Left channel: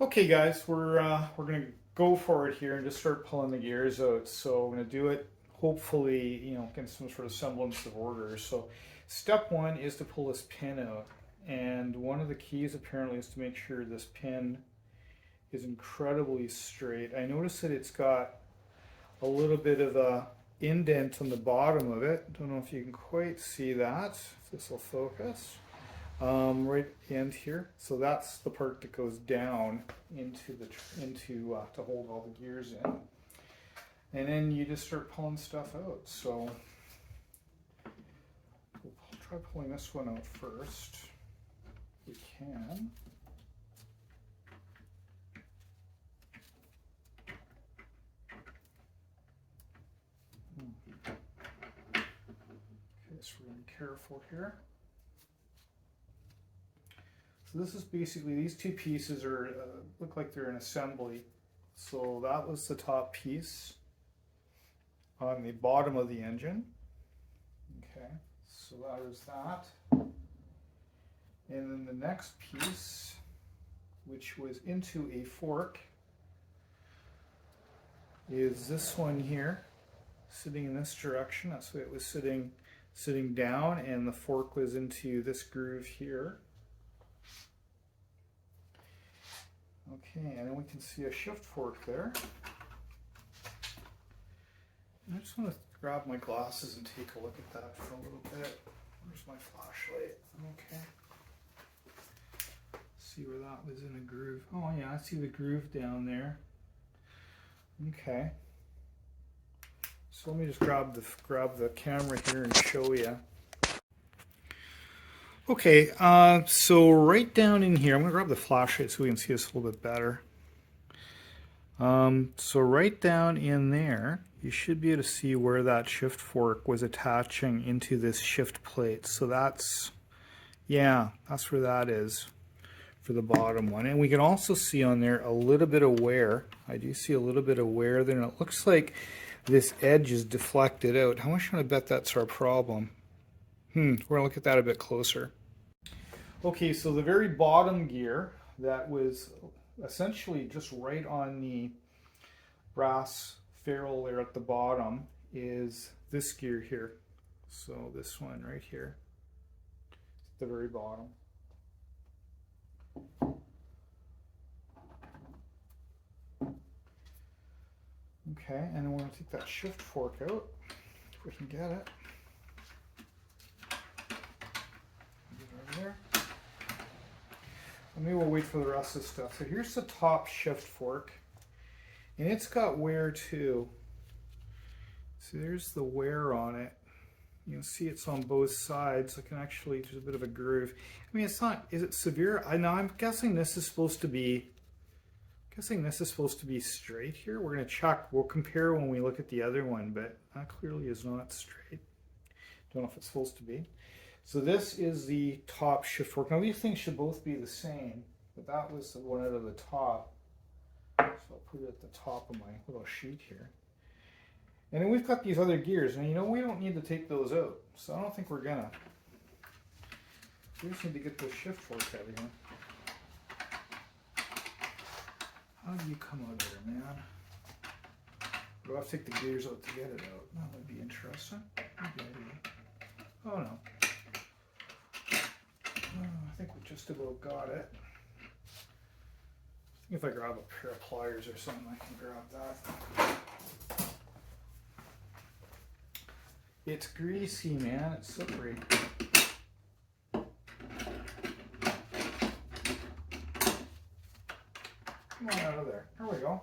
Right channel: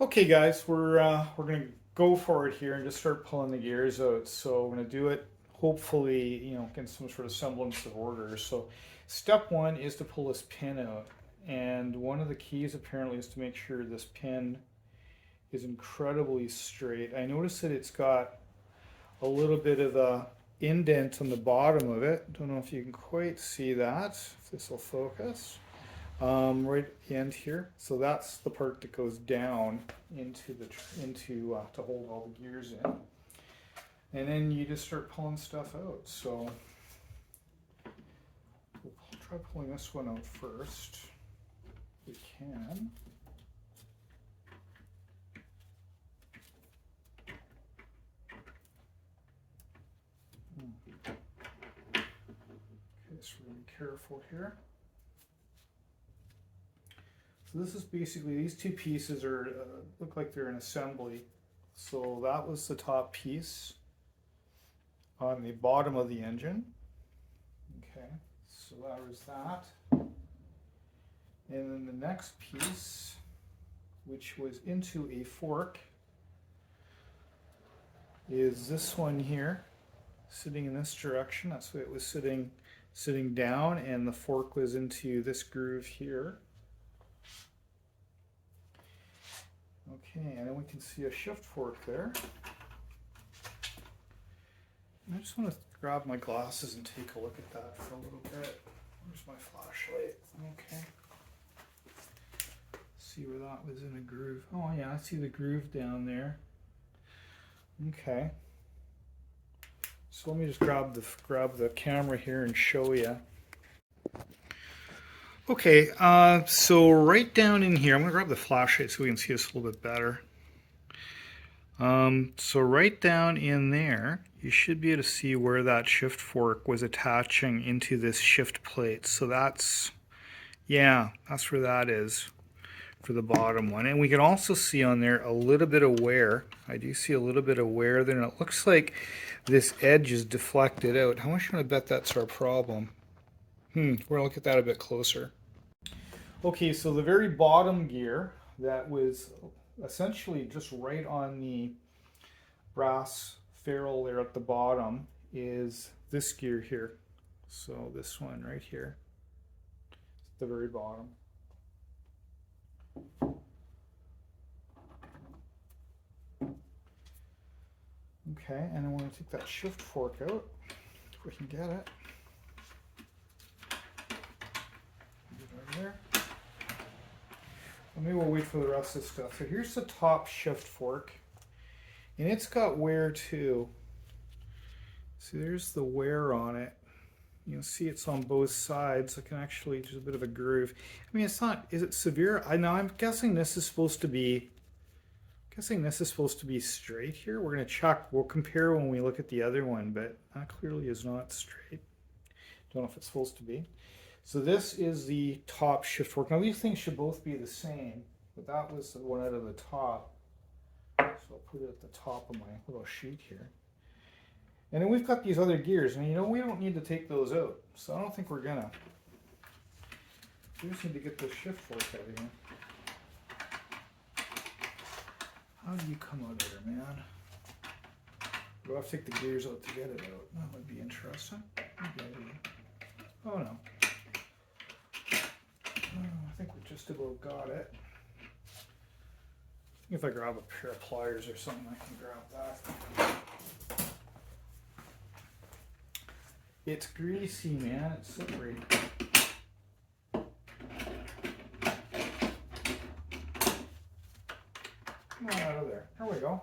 Okay, guys, we're gonna go for it here and just start pulling the gears out. So we're gonna do it hopefully, get some sort of semblance of order. So step one is to pull this pin out, and one of the keys apparently is to make sure this pin is incredibly straight. I notice that it's got a little bit of a indent on the bottom of it. Don't know if you can quite see that. If this will focus. Right at the end here. So that's the part that goes down into to hold all the gears in, and then you just start pulling stuff out. So we'll try pulling this one out first. If we can. Okay, so we're gonna be careful here. So this is basically, these two pieces are look like they're an assembly. So that was the top piece on the bottom of the engine. Okay, so there's that. And then the next piece, which was into a fork, is this one here, sitting in this direction. That's why it was sitting down, and the fork was into this groove here. Okay, and then we can see a shift fork there. I just want to grab my glasses and take a look at that for a little bit. Where's my flashlight? Okay. See where that was in a groove. Oh yeah, I see the groove down there. Okay. So let me just grab the camera here and show you. Okay, so right down in here, I'm going to grab the flashlight so we can see this a little bit better. So right down in there, you should be able to see where that shift fork was attaching into this shift plate. So that's where that is for the bottom one. And we can also see on there a little bit of wear. I do see a little bit of wear there, and it looks like this edge is deflected out. How much do I bet that's our problem? We're gonna look at that a bit closer. Okay, so the very bottom gear that was essentially just right on the brass ferrule there at the bottom is this gear here. So this one right here, at the very bottom. Okay, and then we're going to take that shift fork out, if we can get it. Right there. Maybe we'll wait for the rest of the stuff. So here's the top shift fork, and it's got wear too. See, there's the wear on it. You can see it's on both sides. I can actually, there's a bit of a groove. I mean, it's not, is it severe? I know, I'm guessing this is supposed to be, straight here. We're going to check, we'll compare when we look at the other one, but that clearly is not straight. Don't know if it's supposed to be. So this is the top shift fork. Now these things should both be the same, but that was the one out of the top. So I'll put it at the top of my little sheet here. And then we've got these other gears, and we don't need to take those out. So I don't think we're gonna. We just need to get those shift forks out of here. How do you come out of there, man? Do I have to take the gears out to get it out? That would be interesting. Oh no. I think we just about got it. If I grab a pair of pliers or something, I can grab that. It's greasy, man. It's slippery. Come on out of there. There we go.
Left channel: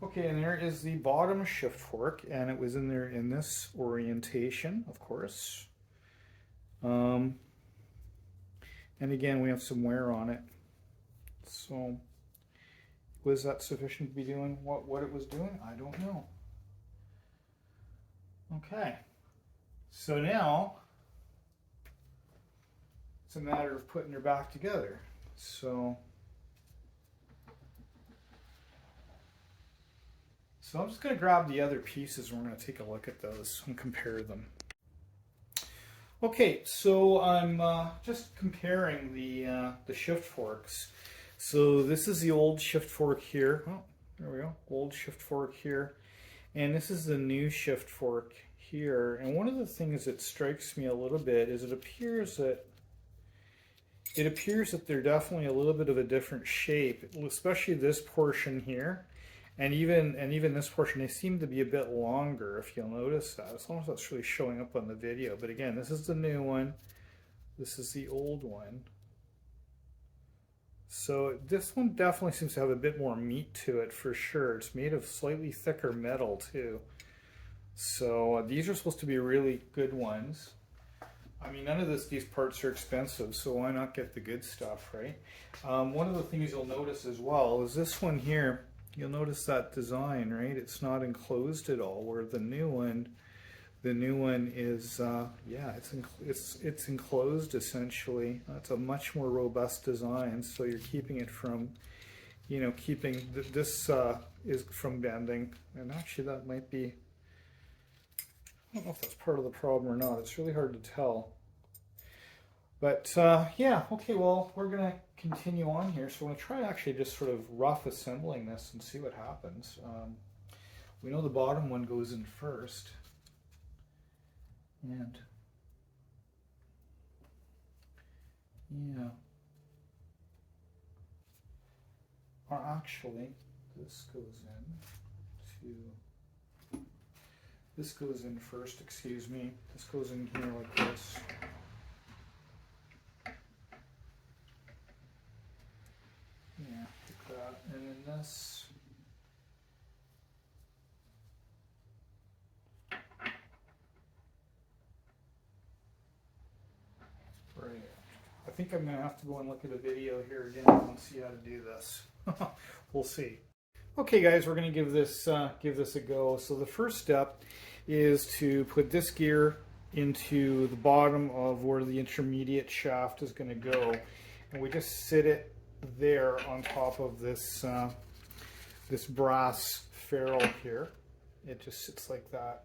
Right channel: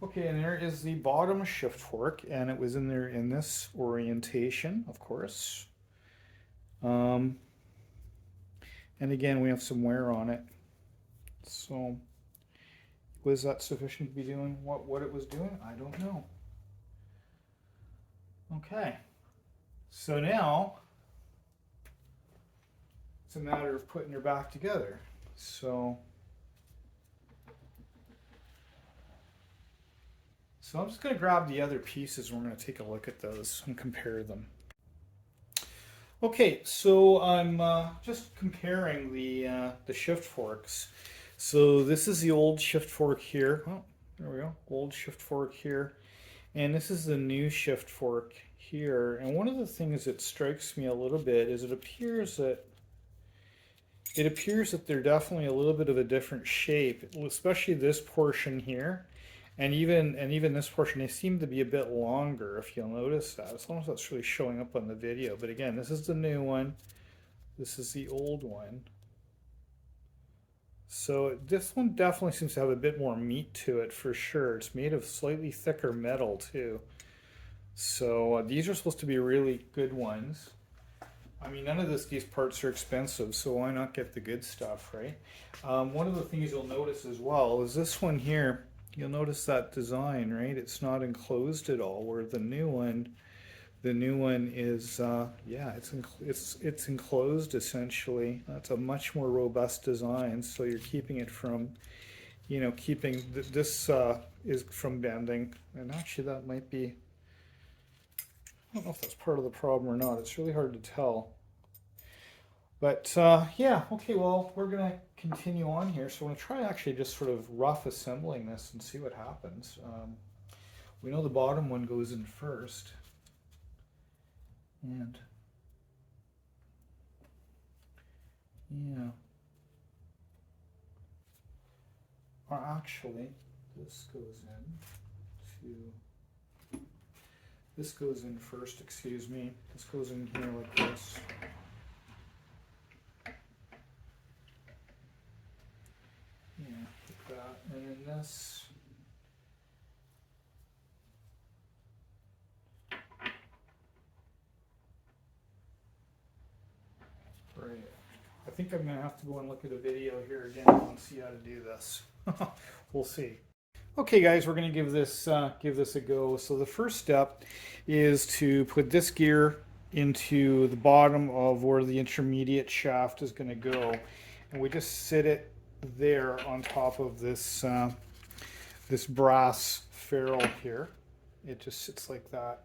Okay, and there is the bottom shift fork, and it was in there in this orientation, of course. And again, we have some wear on it. So, was that sufficient to be doing what it was doing? I don't know. Okay. So now, it's a matter of putting her back together. So I'm just going to grab the other pieces and we're going to take a look at those and compare them. Okay, so I'm just comparing the shift forks. So this is the old shift fork here. Oh, there we go. Old shift fork here. And this is the new shift fork here. And one of the things that strikes me a little bit is it appears that they're definitely a little bit of a different shape, especially this portion here. And even this portion, they seem to be a bit longer, if you'll notice that. As long as that's really showing up on the video. But again, this is the new one. This is the old one. So this one definitely seems to have a bit more meat to it for sure. It's made of slightly thicker metal too. So these are supposed to be really good ones. I mean, none of these parts are expensive, so why not get the good stuff, right? One of the things you'll notice as well is this one here. You'll notice that design, right? It's not enclosed at all, where the new one is, yeah, it's enclosed essentially. That's a much more robust design, so you're keeping it from, this is from bending. And actually, that might be. I don't know if that's part of the problem or not. It's really hard to tell. But yeah, okay, well, we're going to continue on here. So I'm going to try actually just sort of rough assembling this and see what happens. We know the bottom one goes in first. And yeah, actually, this goes in first, excuse me. This goes in here like this. Yeah, like that. And then this. Right. I think I'm going to have to go and look at a video here again and see how to do this. We'll see. Okay, guys, we're going to give this a go. So the first step is to put this gear into the bottom of where the intermediate shaft is going to go, and we just sit it there on top of this this brass ferrule here. It just sits like that,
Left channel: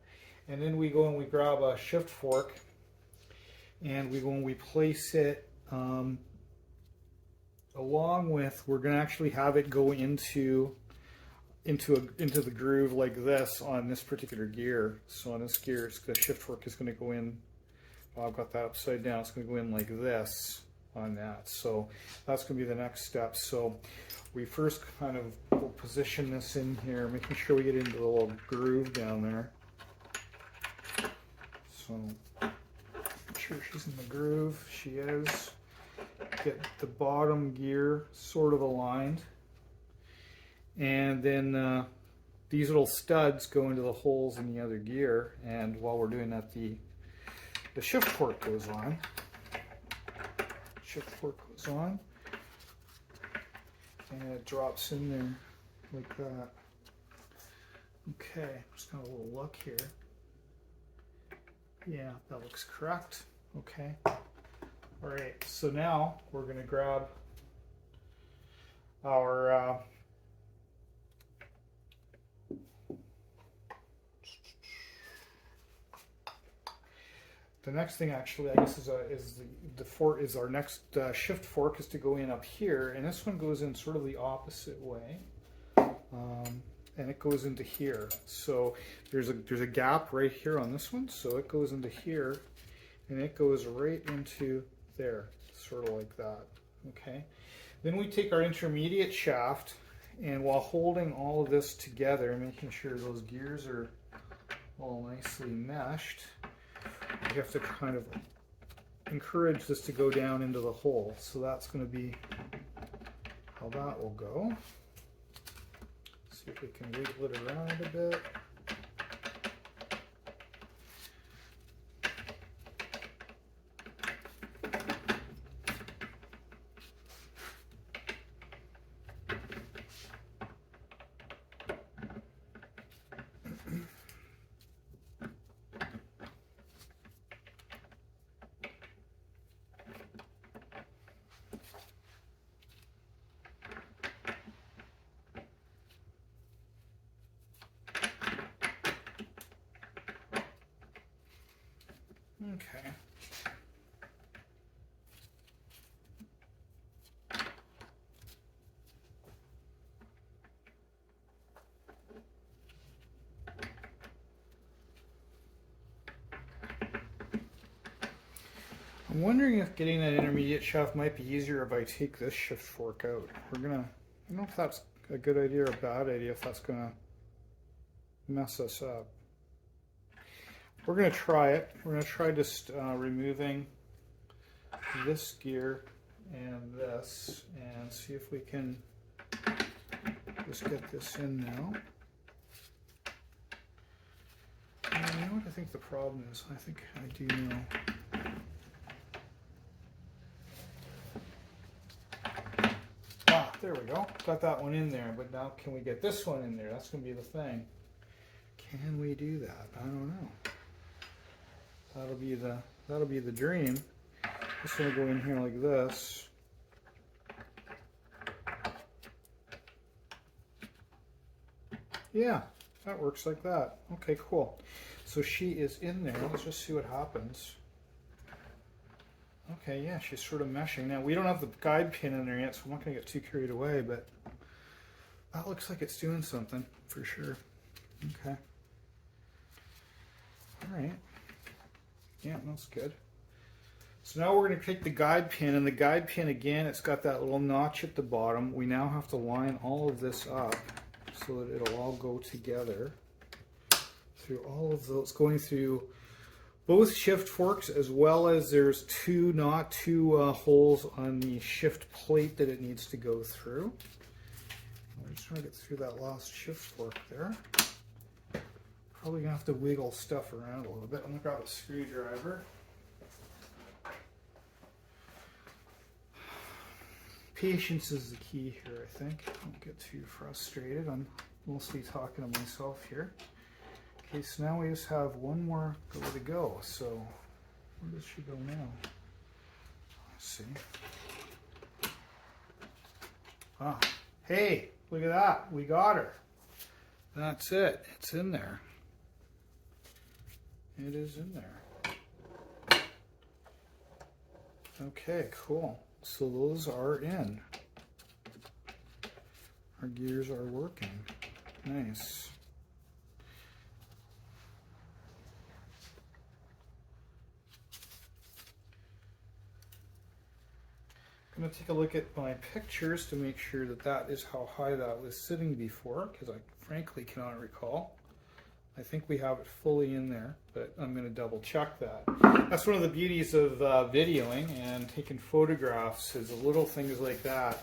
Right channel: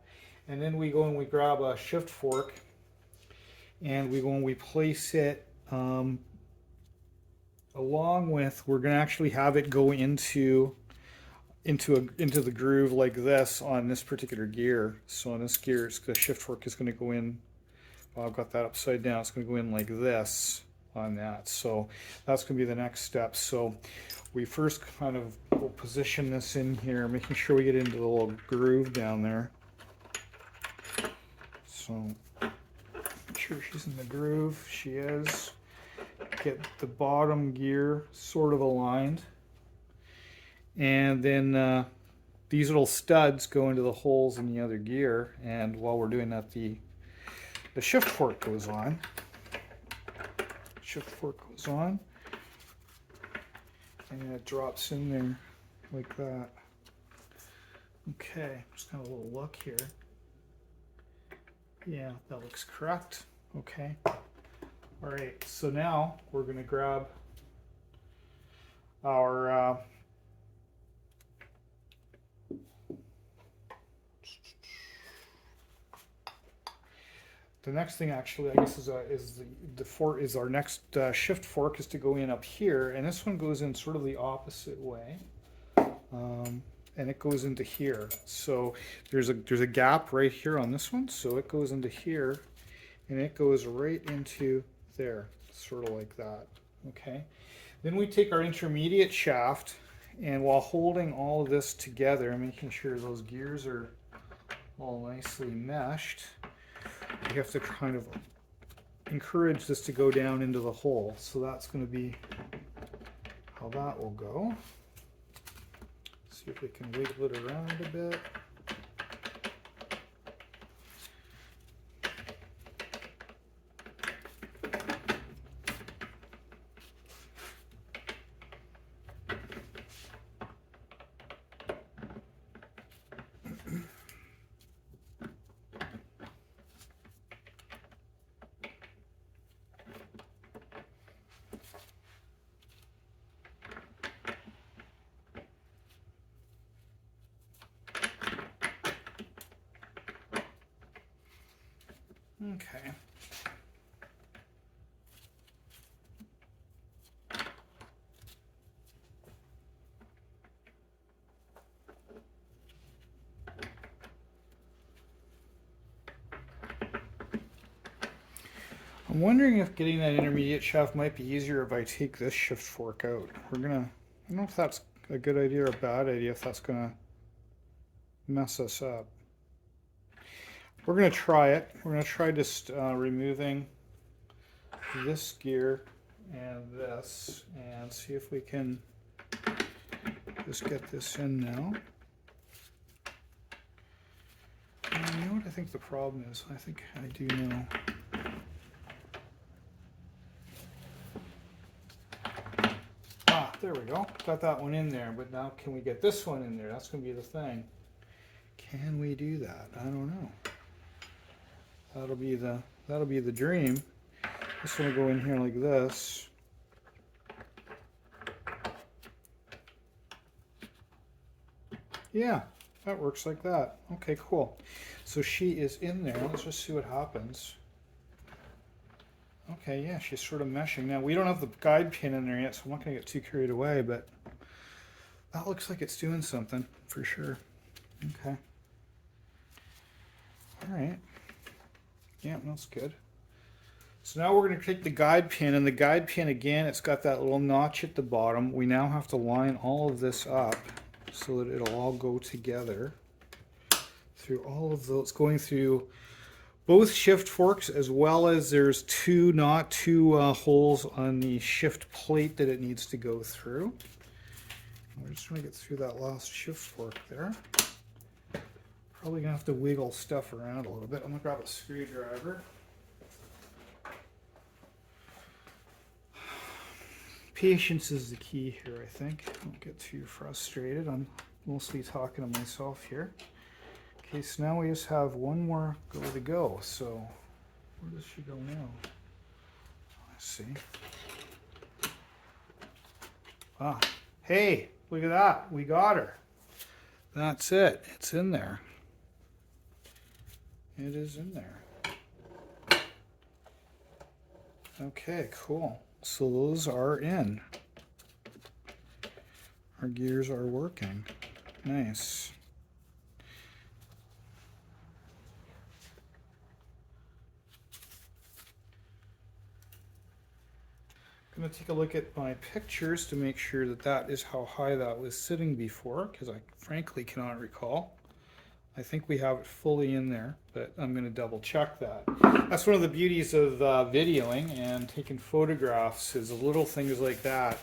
and then we go and we grab a shift fork, and we go and we place it along with. We're going to actually have it go into the groove like this on this particular gear. So on this gear, the shift fork is going to go in. Well, I've got that upside down. It's going to go in like this on that. So that's going to be the next step. So we first kind of will position this in here, making sure we get into the little groove down there. So make sure she's in the groove. She is. Get the bottom gear sort of aligned. And then these little studs go into the holes in the other gear, and while we're doing that, the shift fork goes on. Shift fork goes on, and it drops in there like that. Okay, just got a little look here. Yeah, that looks correct. Okay. All right, so now we're going to grab our the next thing actually, I guess, is our next shift fork is to go in up here, and this one goes in sort of the opposite way, and it goes into here. So there's a gap right here on this one, so it goes into here, and it goes right into there, sort of like that. Okay. Then we take our intermediate shaft, and while holding all of this together, making sure those gears are all nicely meshed, you have to kind of encourage this to go down into the hole. So that's going to be how that will go. See if we can wiggle it around a bit. Okay. I'm wondering if getting that intermediate shaft might be easier if I take this shift fork out. I don't know if that's a good idea or a bad idea, if that's gonna mess us up. We're gonna try it. We're gonna try just removing this gear and this and see if we can just get this in now. And you know what I think the problem is? I think I do know. Ah, there we go. Got that one in there, but now can we get this one in there? That's going to be the thing. Can we do that? I don't know. That'll be the dream. Just going to go in here like this. Yeah, that works like that. Okay, cool. So she is in there. Let's just see what happens. Okay, yeah, she's sort of meshing. Now, we don't have the guide pin in there yet, so I'm not going to get too carried away, but that looks like it's doing something for sure. Okay. All right. Yeah, that's good. So now we're going to take the guide pin, and the guide pin, again, it's got that little notch at the bottom. We now have to line all of this up so that it'll all go together through all of those, going through both shift forks, as well as there's two holes on the shift plate that it needs to go through. We're just trying to get through that last shift fork there. Probably gonna have to wiggle stuff around a little bit. I'm gonna grab a screwdriver. Patience is the key here, I think. Don't get too frustrated. I'm mostly talking to myself here. Okay, so now we just have one more way to go. So where does she go now? Let's see. Ah, hey, look at that. We got her. That's it. It's in there. It is in there. Okay, cool. So those are in. Our gears are working. Nice. I'm going to take a look at my pictures to make sure that that is how high that was sitting before, because I frankly cannot recall. I think we have it fully in there, but I'm going to double check that. That's one of the beauties of videoing and taking photographs, is little things like that.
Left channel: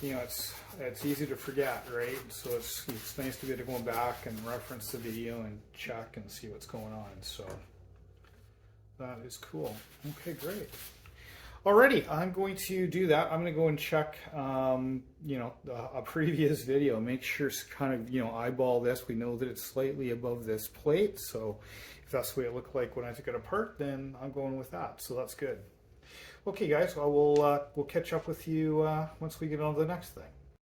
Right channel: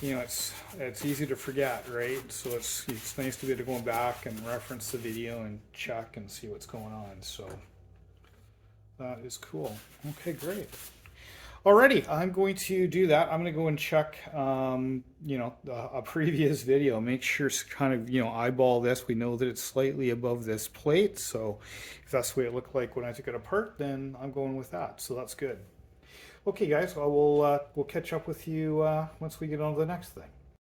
You know, it's easy to forget, right? So it's nice to be able to go back and reference the video and check and see what's going on. So that is cool. Okay, great. Alrighty, I'm going to do that. I'm going to go and check, you know, a previous video. Make sure to kind of, you know, eyeball this. We know that it's slightly above this plate, so if that's the way it looked like when I took it apart, then I'm going with that. So that's good. Okay, guys, we'll catch up with you once we get on to the next thing.